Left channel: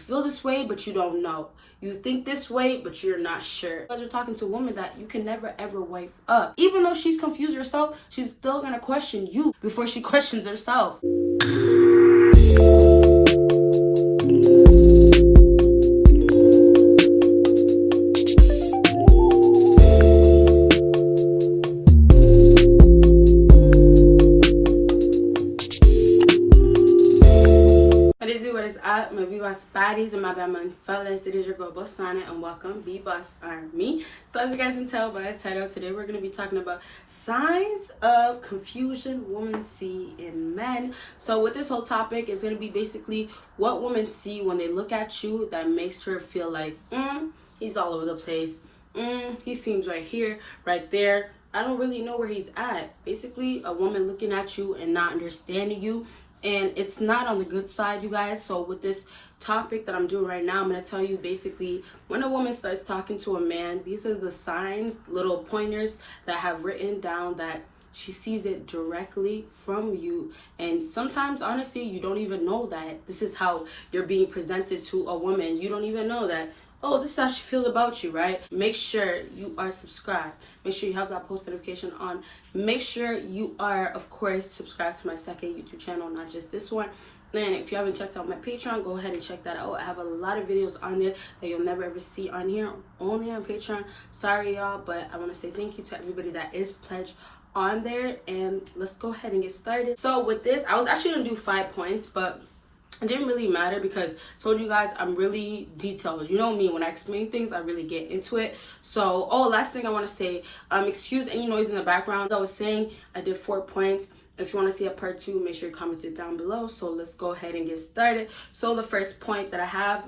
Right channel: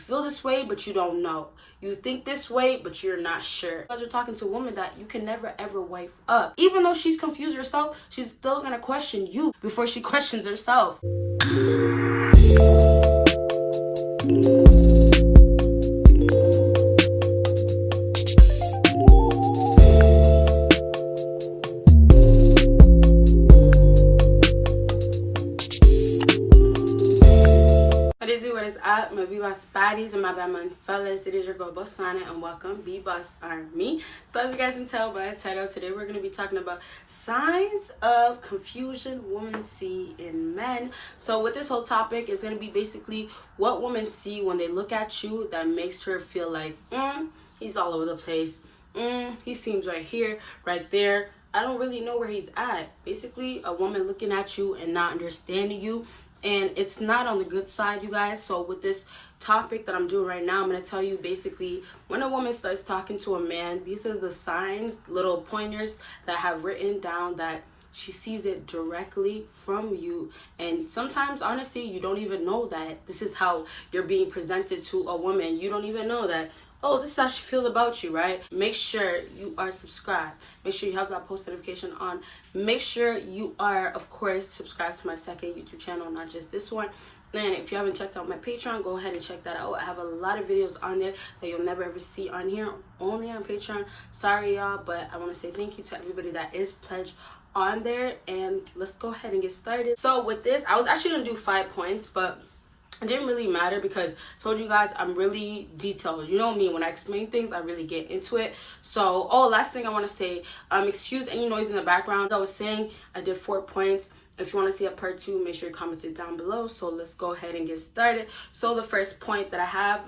feel this way, but you don't know. You think this way, but you're not sure. Because you're talking to a woman that you can never ever wife up. Even though she's confused herself, she's still gonna question you before she questions herself. What is up, my BBossBaddies and my bad fellas? It is your girl Bosana and welcome BBossArmy. So as you guys can tell by the title, today we're going to be talking about signs of confusion women see in men. So with this whole topic is going to be basically what women see when they look at you that makes her feel like, he's all over the place. He seems right here, right there. I don't really know where he's at. Basically, a woman looking at you and not understanding you. And it's not on the good side, you guys. So with this topic that I'm doing right now, I'm going to tell you basically when a woman starts talking to a man, these are the signs, little pointers that I have written down that she sees it directly from you. And sometimes, honestly, you don't even know that this is how you're being presented to a woman. You don't even know that, oh, this is how she feels about you, right? Make sure you are subscribed. Make sure you have that post notification on. Make sure you are, of course, subscribed to my second YouTube channel, not just this one. And if you haven't checked out my Patreon, go ahead and check that out. I have a lot of videos on there that you'll never ever see on here, only on Patreon. Sorry, y'all, but I want to say thank you to everybody that is pledged on there. And let's go ahead and get started. So with this, I was actually going to do 5 points, but it didn't really matter because I told you guys I'm really detailed. You know me, when I explain things, I really get into it. So, last thing I want to say, excuse any noise in the background. I was saying I did 4 points. If you want to see a part 2, make sure you comment it down below. So let's go ahead and get started. So the first point that I have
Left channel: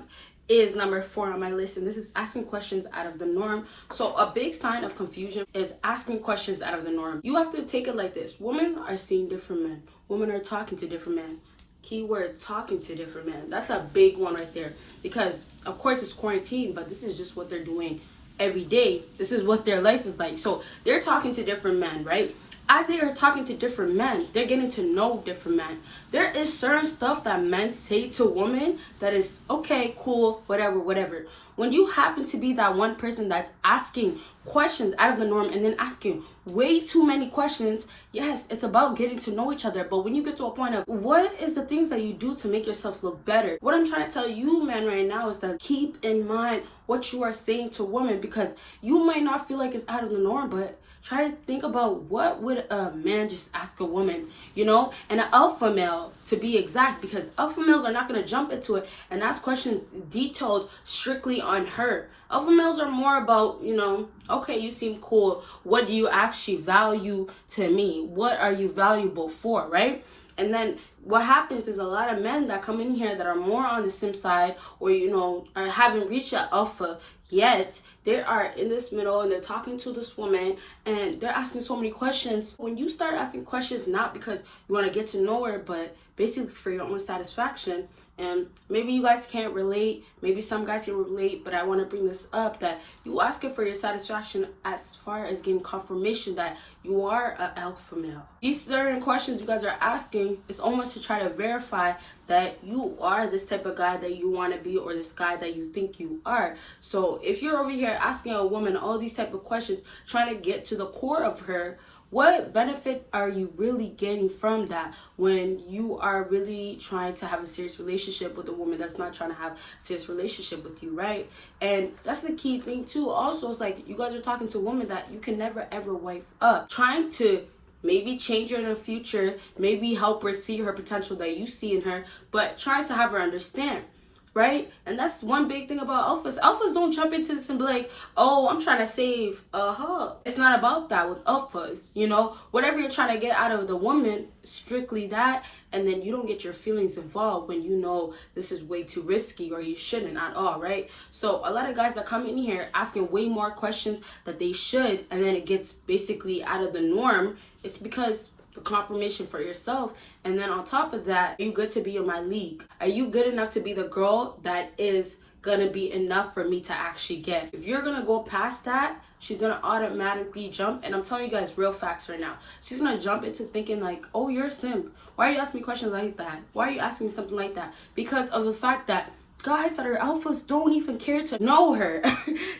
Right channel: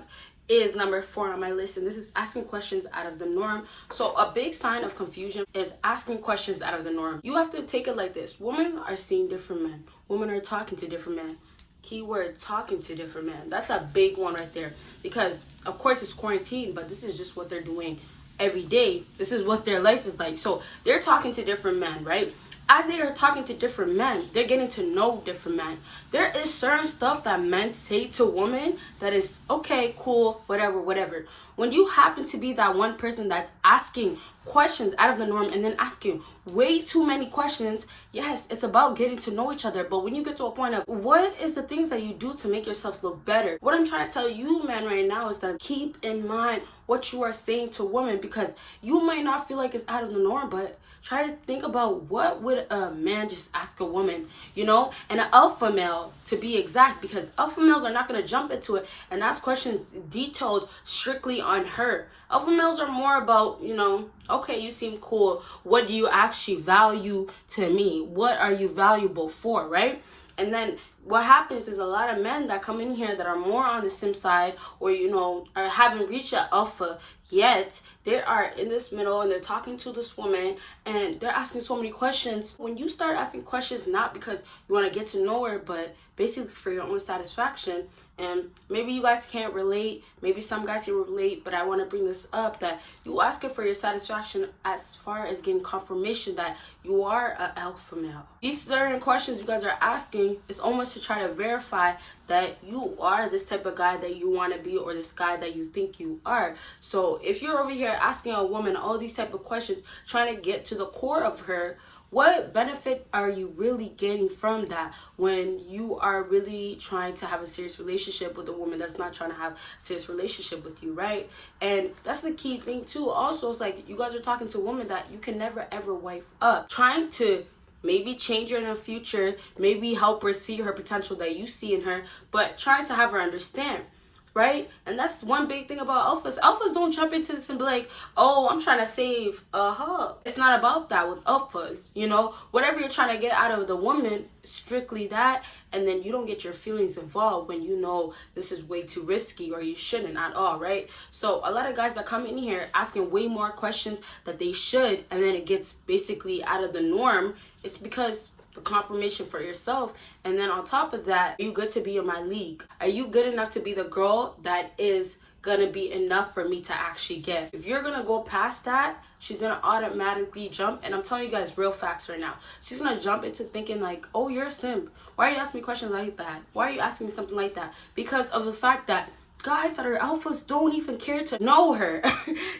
is number 4 on my list, and this is asking questions out of the norm. So a big sign of confusion is asking questions out of the norm. You have to take it like this. Women are seeing different men. Women are talking to different men. Keyword, talking to different men. That's a big one right there, because of course it's quarantine, but this is just what they're doing every day. This is what their life is like. So they're talking to different men, right? As they are talking to different men, they're getting to know different men. There is certain stuff that men say to women that is okay, cool, whatever. When you happen to be that one person that's asking questions out of the norm and then asking way too many questions, yes, it's about getting to know each other. But when you get to a point of what is the things that you do to make yourself look better, what I'm trying to tell you, man, right now is that keep in mind what you are saying to women, because you might not feel like it's out of the norm, but try to think about what would a man just ask a woman, you know? And an alpha male, to be exact, because alpha males are not going to jump into it and ask questions detailed strictly on her. Alpha males are more about, you know, okay, you seem cool. What do you actually value to me? What are you valuable for, right? And then what happens is a lot of men that come in here that are more on the sim side, or, you know, haven't reached that alpha yet, they are in this middle and they're talking to this woman and they're asking so many questions. When you start asking questions, not because you want to get to know her, but basically for your own satisfaction, and maybe you guys can't relate, maybe some guys can relate, but I want to bring this up, that you ask it for your satisfaction as far as getting confirmation that you are an alpha male. These certain questions you guys are asking is almost to try to verify that you are this type of guy that you want to be, or this guy that you think you are. So if you're over here asking a woman all these type of questions, trying to get to the core of her, what benefit are you really getting from that when you are really trying to have a serious relationship with a woman that's not trying to have a serious relationship with you, right? And that's the key thing too. Also, it's like you guys are talking to a woman that you can never ever wife up. Trying to maybe change her in the future, maybe help her see her potential that you see in her, but trying to have her understand, right? And that's one big thing about alphas. Alphas don't jump into this and be like, oh, I'm trying to save a hug. It's not about that with alphas, you know? Whatever you're trying to get out of the woman, strictly that, and then you don't get your feelings involved when you know this is way too risky, or you shouldn't at all, right? So a lot of guys that come in here asking way more questions that they should, and then it gets basically out of the norm, it's because the confirmation for yourself. And then on top of that, are you good to be in my league? Are you good enough to be the girl that is gonna be enough for me to actually get? If you're gonna go past that, she's gonna automatically jump, and I'm telling you guys real facts right now, she's gonna jump into thinking like, oh, you're a simp. Why are you asking me questions like that? Why are you asking me something like that? Because of the fact that guys that are alphas don't even care to know her.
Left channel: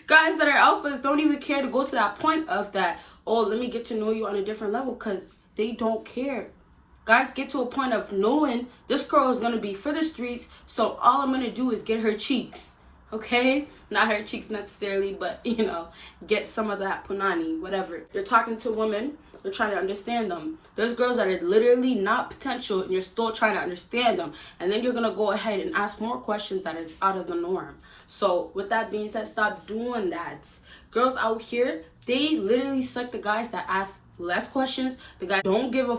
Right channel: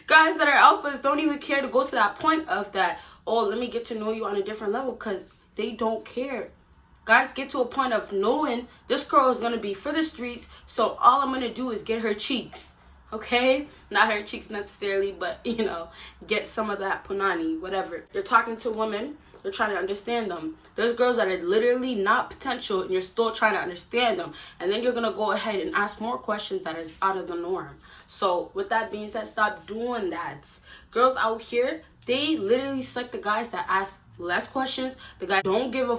Guys that are alphas don't even care to go to that point of that, oh, let me get to know you on a different level, because they don't care. Guys get to a point of knowing this girl is going to be for the streets, so all I'm going to do is get her cheeks. Okay? Not her cheeks necessarily, but, you know, get some of that punani, whatever. You're talking to women, you're trying to understand them. There's girls that are literally not potential, and you're still trying to understand them. And then you're going to go ahead and ask more questions that is out of the norm. So, with that being said, stop doing that. Girls out here, they literally select the guys that ask less questions, the guys don't give a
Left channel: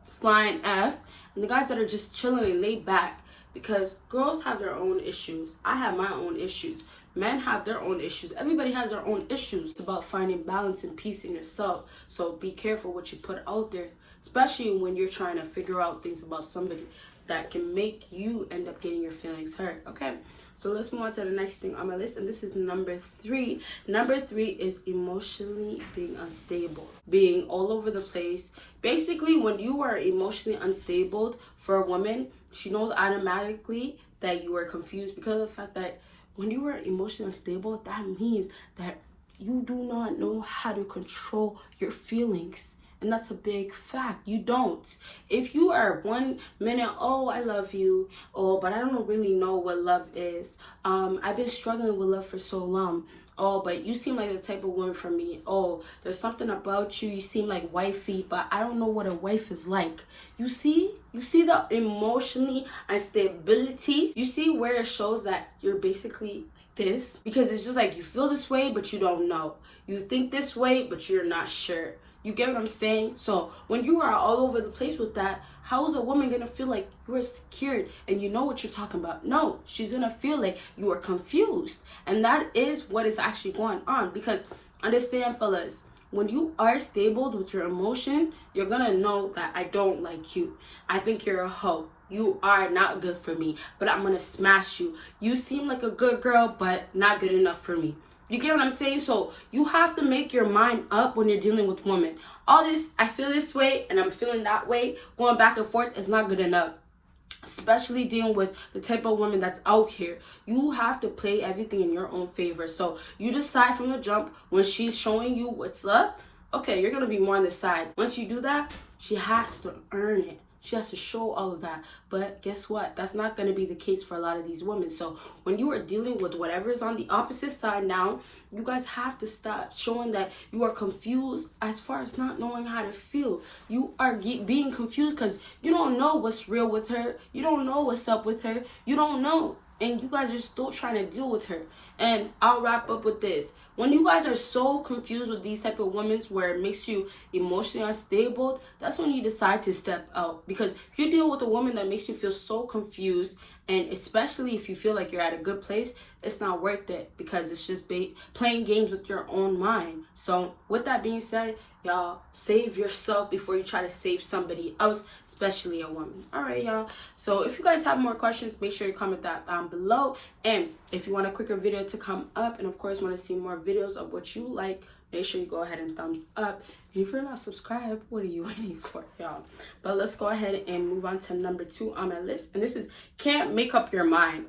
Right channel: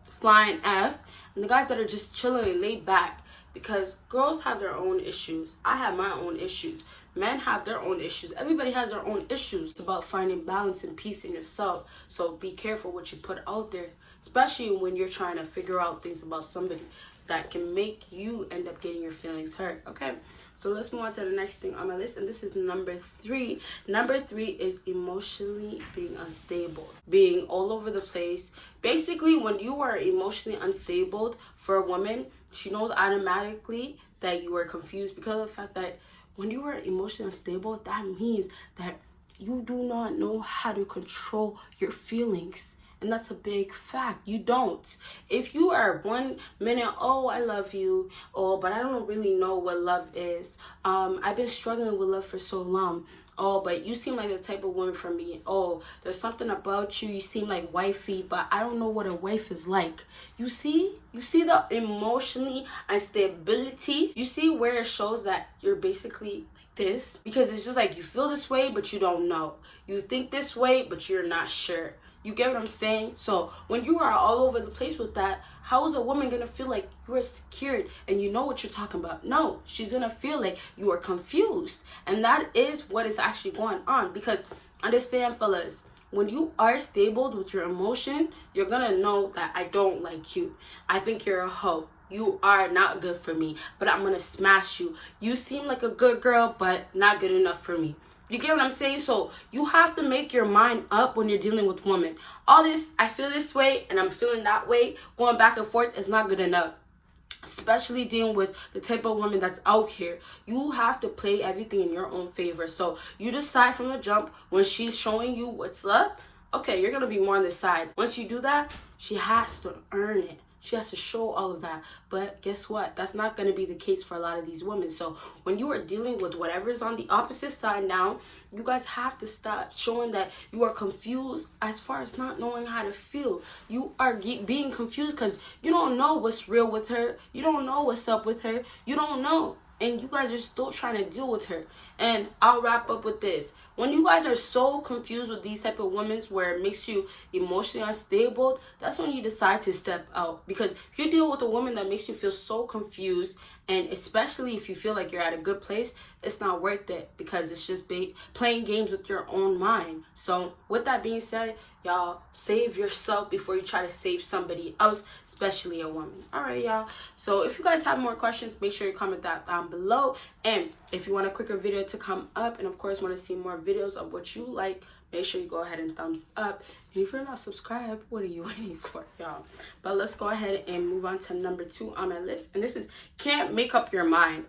flying F, and the guys that are just chilling and laid back. Because girls have their own issues. I have my own issues. Men have their own issues. Everybody has their own issues. It's about finding balance and peace in yourself. So be careful what you put out there, especially when you're trying to figure out things about somebody that can make you end up getting your feelings hurt. Okay, so let's move on to the next thing on my list, and this is number 3. Number 3 is emotionally being unstable, being all over the place. Basically, when you are emotionally unstable for a woman, she knows automatically that you are confused, because of the fact that when you are emotionally unstable, that means that you do not know how to control your feelings. And that's a big fact. You don't. If you are 1 minute, oh, I love you, oh, but I don't really know what love is. I've been struggling with love for so long. Oh, but you seem like the type of woman for me. Oh, there's something about you. You seem like wifey, but I don't know what a wife is like. You see the emotionally instability. You see where it shows that you're basically like this, because it's just like you feel this way, but you don't know. You think this way, but you're not sure. You get what I'm saying? So when you are all over the place with that, how is a woman gonna feel like you are secured and you know what you're talking about? No, she's gonna feel like you are confused. And that is what is actually going on. Because understand, fellas, when you are stable with your emotion, you're gonna know that I don't like you. I think you're a hoe. You are not good for me, but I'm gonna smash you. You seem like a good girl, but not good enough for me. You get what I'm saying? So you have to make your mind up when you're dealing with women. All this, I feel this way and I'm feeling that way, going back and forth is not good enough. Especially dealing with the type of woman that's out here. You have to play everything in your own favor. So you decide from the jump, when she's showing you what's up, okay, you're going to be more on the side. Once you do that, she has to earn it. She has to show all of that. But guess what? That's not going to be the case for a lot of these women. So when you are dealing with whatever is on the opposite side now, you guys have to stop showing that you are confused as far as not knowing how to feel. You are being confused because you don't know what's real with her. You don't know what's up with her. You don't know. And you guys are still trying to deal with her. And I'll wrap up with this. When you guys are so confused with these type of women where it makes you emotionally unstable, that's when you decide to step out. Because if you deal with a woman that makes you feel so confused, and especially if you feel like you're at a good place, it's not worth it, because it's just playing games with your own mind. So with that being said, y'all, save yourself before you try to save somebody else, especially a woman. All right, y'all. So if you guys have more questions, make sure you comment that down below. And if you want a quicker video to come up, and of course want to see more videos of what you like, make sure you go ahead and thumbs up. And if you're not subscribed, what are you waiting for, y'all? But let's go ahead and move on to number 2 on my list. And this is can't make up your mind.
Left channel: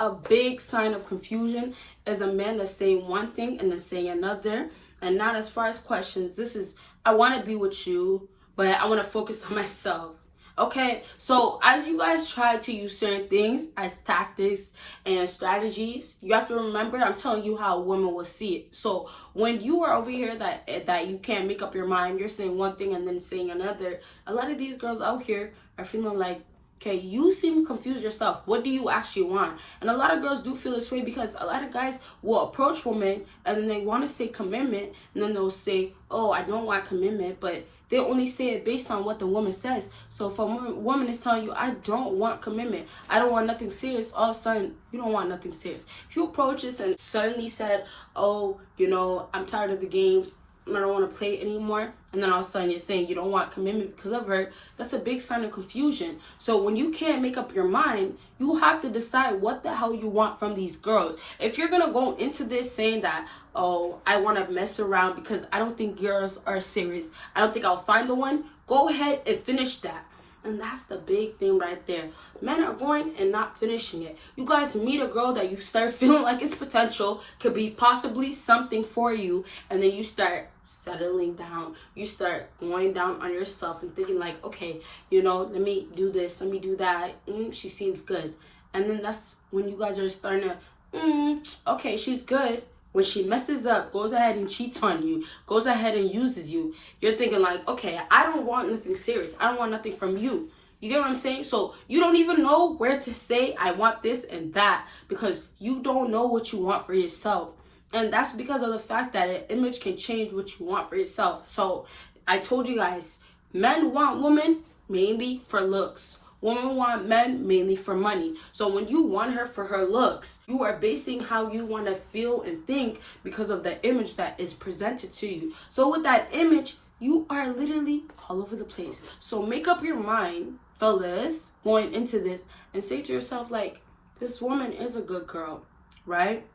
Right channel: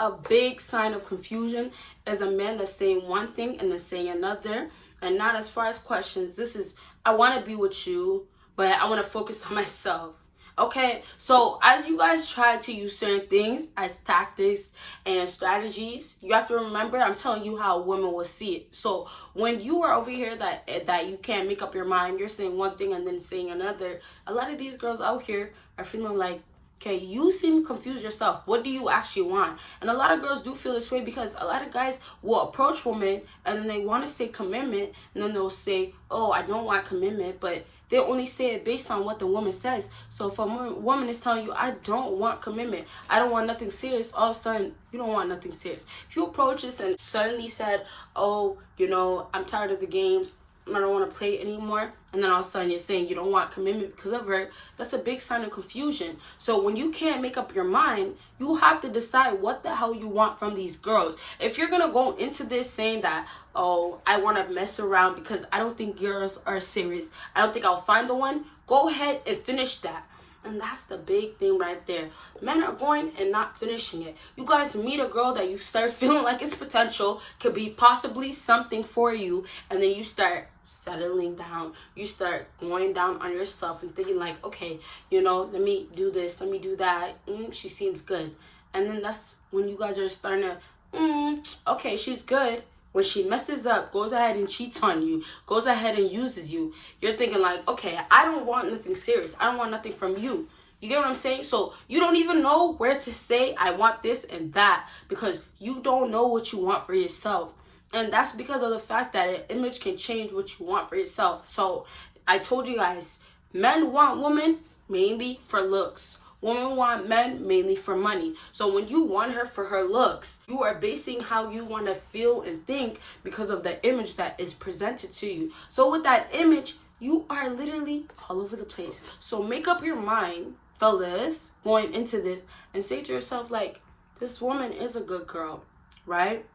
A big sign of confusion is a man that's saying one thing and then saying another. And not as far as questions. This is, I want to be with you, but I want to focus on myself. Okay, so as you guys try to use certain things as tactics and strategies, you have to remember, I'm telling you how women will see it. So when you are over here that you can't make up your mind, you're saying one thing and then saying another, a lot of these girls out here are feeling like, okay, you seem confused yourself. What do you actually want? And a lot of girls do feel this way because a lot of guys will approach women and then they want to say commitment, and then they'll say, oh, I don't want commitment, but they only say it based on what the woman says. So if a woman is telling you, I don't want commitment, I don't want nothing serious, all of a sudden, you don't want nothing serious. If you approach this and suddenly said, oh, you know, I'm tired of the games, I don't want to play anymore, and then all of a sudden you're saying you don't want commitment because of her, that's a big sign of confusion. So when you can't make up your mind, you have to decide what the hell you want from these girls. If you're gonna go into this saying that, oh, I want to mess around because I don't think girls are serious, I don't think I'll find the one, go ahead and finish that. And that's the big thing right there. Men are going and not finishing it. You guys meet a girl that you start feeling like its potential could be possibly something for you, and then you start settling down. You start going down on yourself and thinking like, okay, you know, let me do this, let me do that. She seems good. And then that's when you guys are starting to, okay, she's good. When she messes up, goes ahead and cheats on you, goes ahead and uses you, you're thinking like, okay, I don't want nothing serious. I don't want nothing from you. You get what I'm saying? So you don't even know where to say, I want this and that, because you don't know what you want for yourself. And that's because of the fact that an image can change what you want for yourself. So I told you guys, men want women mainly for looks. Women want men mainly for money. So when you want her for her looks, you are basing how you want to feel and think because of the image that is presented to you. So with that image, you are literally all over the place. So make up your mind, fellas, going into this, and say to yourself like, this woman is a good girl, right?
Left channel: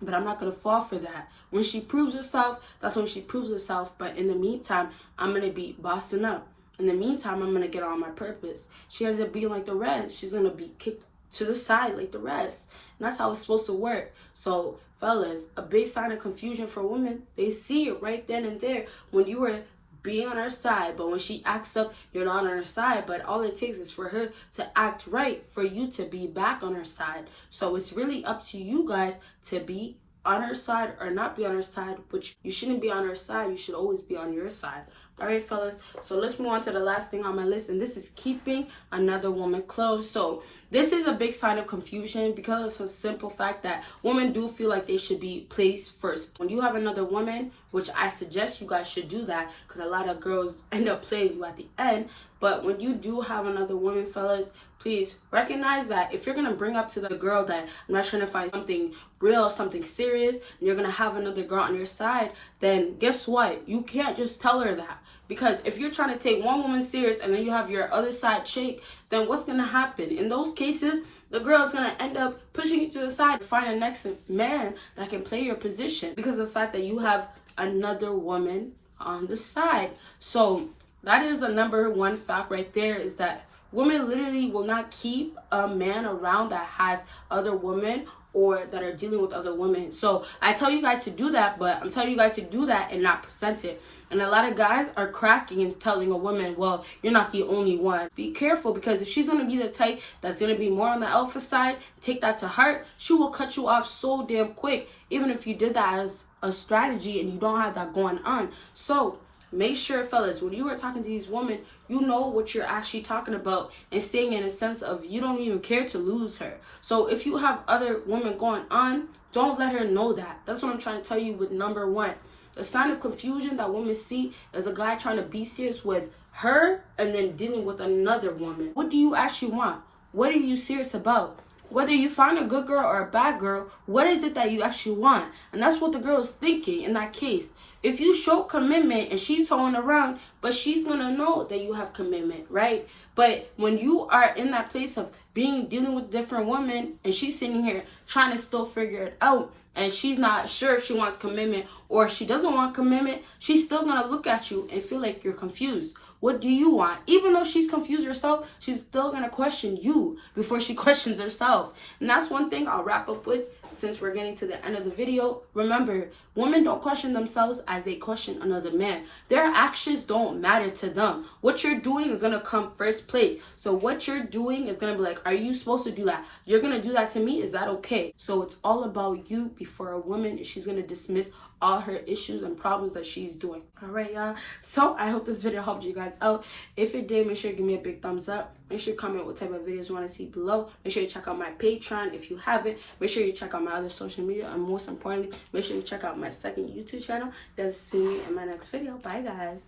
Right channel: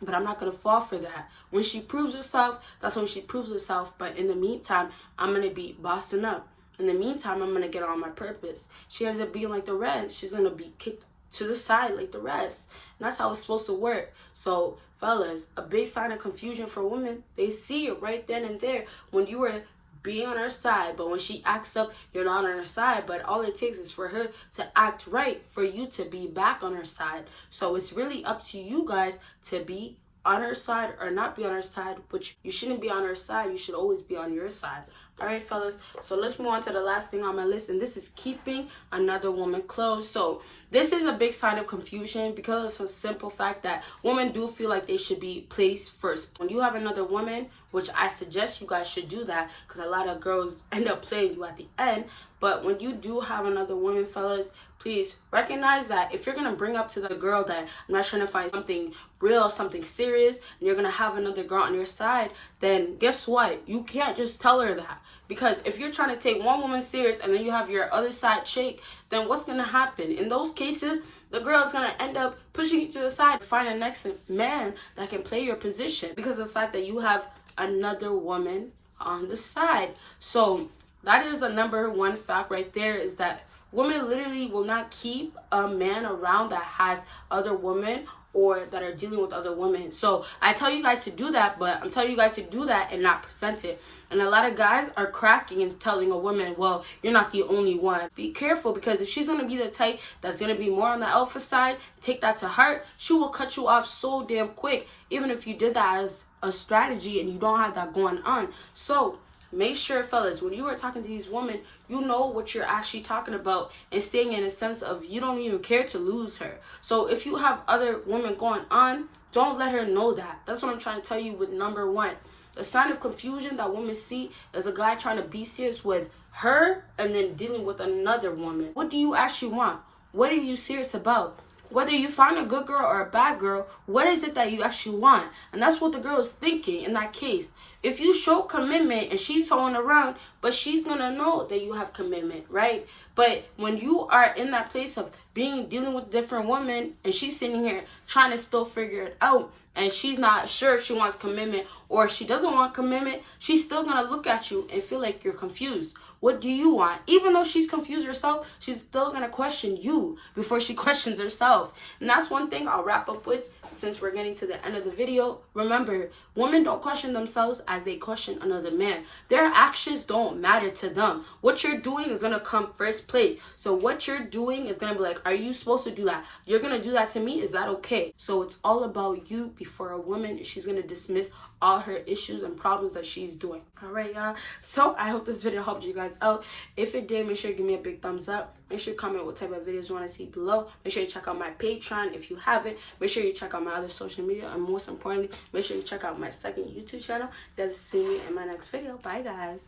But I'm not going to fall for that. When she proves herself, that's when she proves herself. But in the meantime, I'm going to be bossing up. In the meantime, I'm going to get on my purpose. She ends up being like the rest. She's going to be kicked to the side like the rest. And that's how it's supposed to work. So, fellas, a big sign of confusion for women, they see it right then and there when you were being on her side. But when she acts up, you're not on her side. But all it takes is for her to act right for you to be back on her side. So it's really up to you guys to be on her side or not be on her side, which you shouldn't be on her side. You should always be on your side. All right, fellas, so let's move on to the last thing on my list, and this is keeping another woman close. So this is a big sign of confusion because of the simple fact that women do feel like they should be placed first. When you have another woman, which I suggest you guys should do that because a lot of girls end up playing you at the end, but when you do have another woman, fellas, please recognize that if you're going to bring up to the girl that I'm not trying to find something real, something serious, and you're going to have another girl on your side, then guess what? You can't just tell her that. Because if you're trying to take one woman serious and then you have your other side chick, then what's going to happen? In those cases, the girl is going to end up pushing you to the side to find a next man that can play your position because of the fact that you have another woman on the side. So that is the number one fact right there, is that women literally will not keep a man around that has other women or that are dealing with other women. So I tell you guys to do that, but I'm telling you guys to do that and not present it. And a lot of guys are cracking and telling a woman, well, you're not the only one. Be careful, because if she's going to be the type that's going to be more on the alpha side, take that to heart, she will cut you off so damn quick, even if you did that as a strategy and you don't have that going on. So make sure, fellas, when you are talking to these women, you know what you're actually talking about and staying in a sense of you don't even care to lose her. So if you have other women going on, don't let her know that. That's what I'm trying to tell you with number one. The sign of confusion that women see is a guy trying to be serious with her and then dealing with another woman. What do you actually want? What are you serious about? Whether you find a good girl or a bad girl, what is it that you actually want? And that's what the girl is thinking in that case. If you show commitment and she's holding around, but she's going to know that you have commitment, right? But when you are in that place of dealing with different women and she's sitting here trying to still figure it out, and she's not sure if she wants commitment or if she doesn't want commitment, she's still going to look at you and feel like you're confused. What do you want? Even though she's confused herself, she's still going to question you before she questions herself. And that's one thing I'll wrap up with since we're getting to the end of the video. Remember, women don't question themselves as they question another man. Their actions don't matter to them. What you're doing is going to come first place. So what you're doing is going to be like, are you supposed to do that? You're going to do that to me? Is that okay? So it's all about you before a woman. She's going to dismiss all her issues and problems that she's doing. All right, y'all. So I hope this video helped you guys out. If it did, make sure you give me a big thumbs up. Make sure you comment what type of videos you want to see below. Make sure you check out my Patreon if you haven't. Make sure you check out my other social media. And most importantly, make sure you check out my second YouTube channel. You guys see me in my next video. Bye, guys.